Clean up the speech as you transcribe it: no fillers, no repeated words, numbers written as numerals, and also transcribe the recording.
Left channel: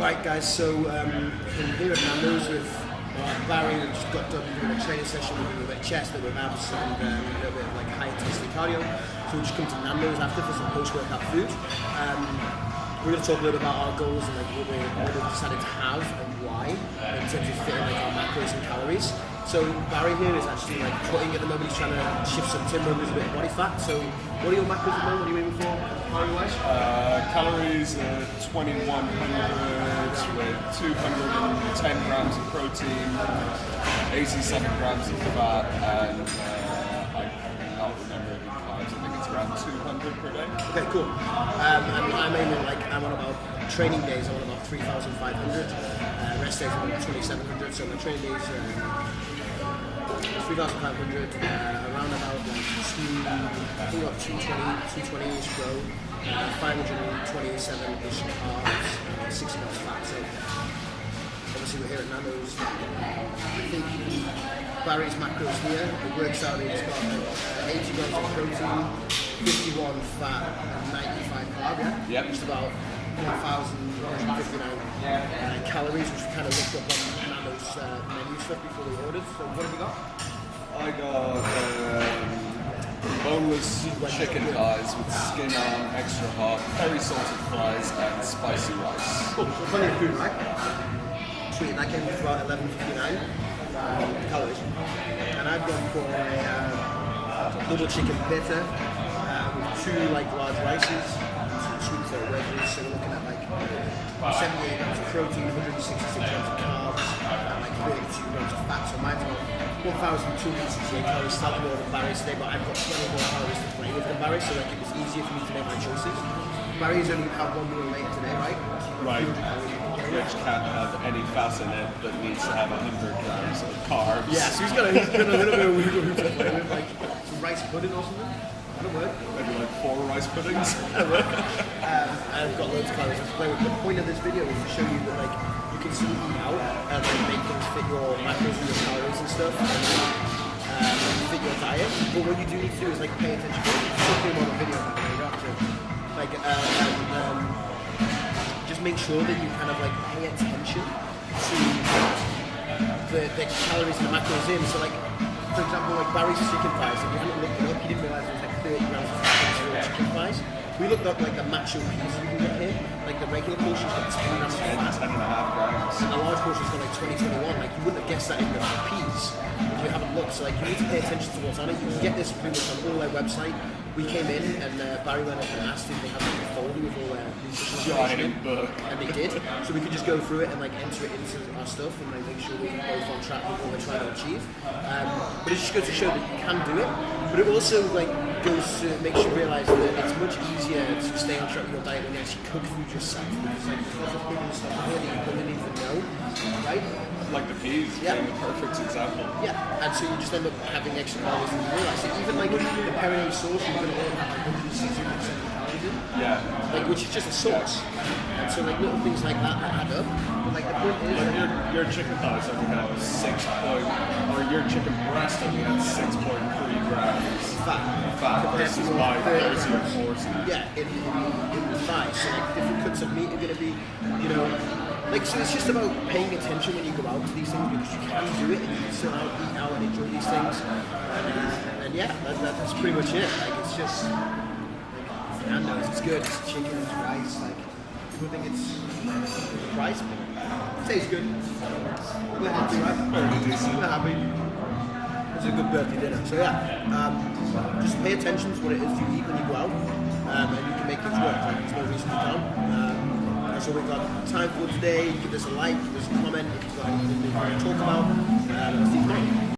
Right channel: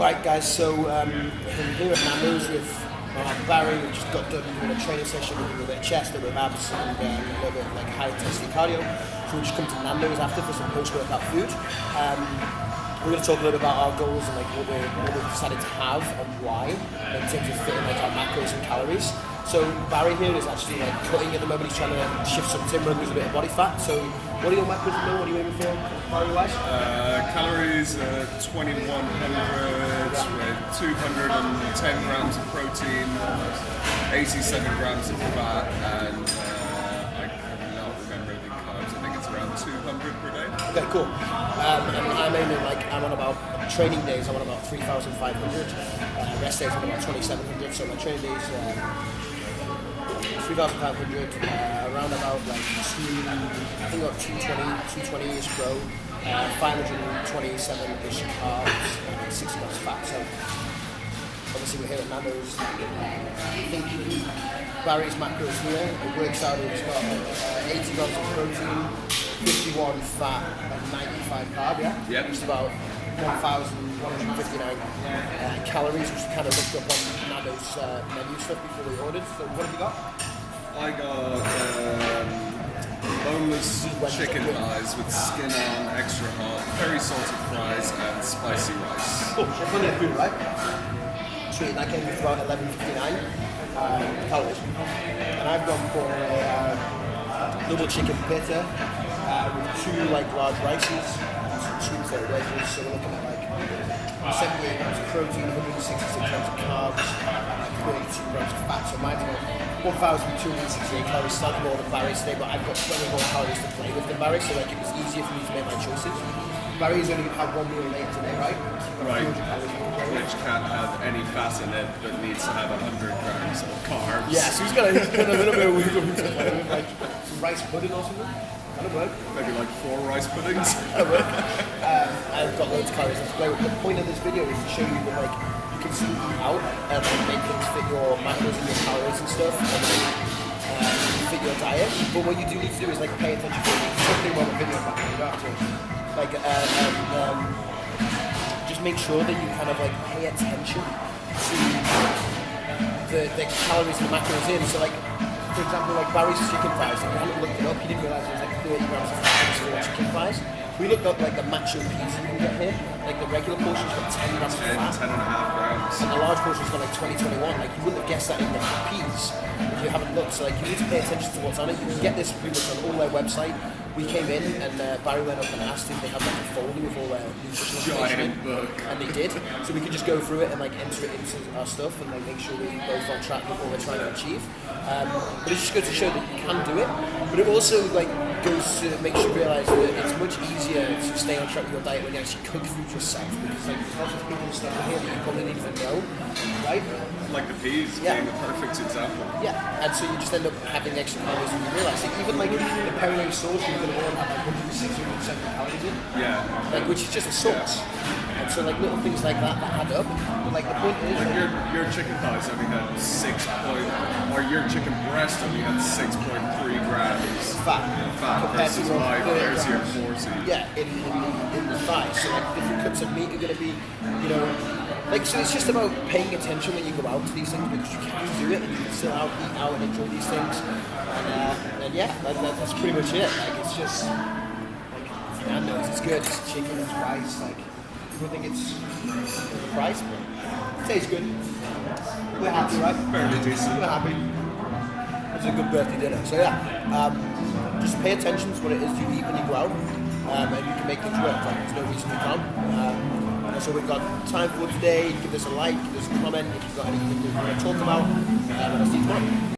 Right guys, so I'm here at Nando's with Barry. We just got done doing a training session with a little bit of chest, a little bit of abs, and a little bit of like high intensity cardio. So we just come to Nando's after for some post-workout food. We're going to talk a little about our goals and like what we decided to have and why in terms of fitting like our macros and calories. So Barry here is actually like cutting at the moment. He's trying to shift some timber and lose a bit of body fat. So what are your macros at the moment? What are you aiming for calorie wise? Calories 2100 with 210 grams of protein, 87 grams of fat, and I cannot remember the carbs. I think it's around 200 per day. Okay, cool. I'm aiming like I'm on about training days. I'm on about 3,500. Rest days I'm on about 2,700. So my training days 3,500. Around about like 220-ish pro. 527-ish carbs, 60 grams fat. So obviously we're here at Nando's. I think Barry's macros here, it works out, it's got like 80 grams of protein, 51 fat, and 95 carb, yeah? Yep. Just about 1,159 calories, which we kind of looked up on Nando's menu stuff before we ordered. So what have you got? I got boneless chicken thighs with skin on, extra hot, very salted fries, and spicy rice. Cool, so plenty of food, right? Sweet, that came to about 1,159 calories. And I've gone for a double chicken pita with two like large rices and some Tuesday wedges. So we're looking at like 78 grams of protein, 166 grams of carbs, and like 32 grams of fat. So mine's about 1,268 calories, slightly more than Barry's today, but I've got plenty more calories to play with than Barry, so like it was easier for me to make my choices. Barry's only had one meal later today, right? So you've got Right. 200 calories I can play with. Which can't have any fat in it, but needs to have 100 grams of carbs. Yeah, so he's got a little bit of wiggle room to play with, like some rice pudding or something. That'll work. Maybe like 4 rice puddings. That'll work. I've got loads of calories to play with. The point of this video is to show you that like you can still eat out and then make things fit your macros and your calories and stuff and fit your diet. But what you do need to do is like pay attention to something on the video about it. You have to like just make sure that you kind of like pay attention to the calories and the macros really. So like for example, like Barry's chicken thighs, if you haven't looked it up, you didn't realise it was like 30 grams of fat in some chicken thighs. We looked up like the macho piece you can get here, like the regular portion's got 10 grams of fat. 10 and a half grams. And the large portion's got like 20-21. Like you wouldn't have guessed that in the peas if you haven't looked. So like you need to pay attention to what's on it. You can get this pretty much on all their website. We came in and Barry went up and asked if they had like a folder with all their nutritional information. Giant book. And they did. So we could just go through it and like enter it into our stuff and like make sure we're both on track with what we're trying to achieve. But it's just good to show that you can do it. But it also like makes you realise that it's much easier to stay on track with your diet when you actually cook food yourself, because like there's lots of people and stuff in here that you probably didn't even know, right? Like the peas being the perfect example. Yeah, and so you just end up having extra calories when you realise it. Even like the perinane sauce, you can all have like 160-170 calories in, Yeah. like which is just a sauce. And so like little things like that add up. But like the point is, Like your chicken thighs only had or your chicken breast only had 6.3 grams fat compared to versus your my 30 30 or grams. 40. Yeah, in the thighs. So like different cuts of meat are going to be, you know, like so it's just about paying attention when you go out to these things, because you can do it and you can still eat out and enjoy these things. And yeah, that's pretty much it. Like it's just like Nando's, it's good. It's chicken, it's rice. Like people think it's the price, but it tastes good. We're happy, right? Fairly decent. We're happy. It's a good birthday dinner. So yeah, just pay attention to what it is you eat when you go out, and you can make things work. Like there's no reason you can't. That's all we've got time for today. Give us a like, give us a comment if you've got anything you want to talk about, and I'll see you tomorrow.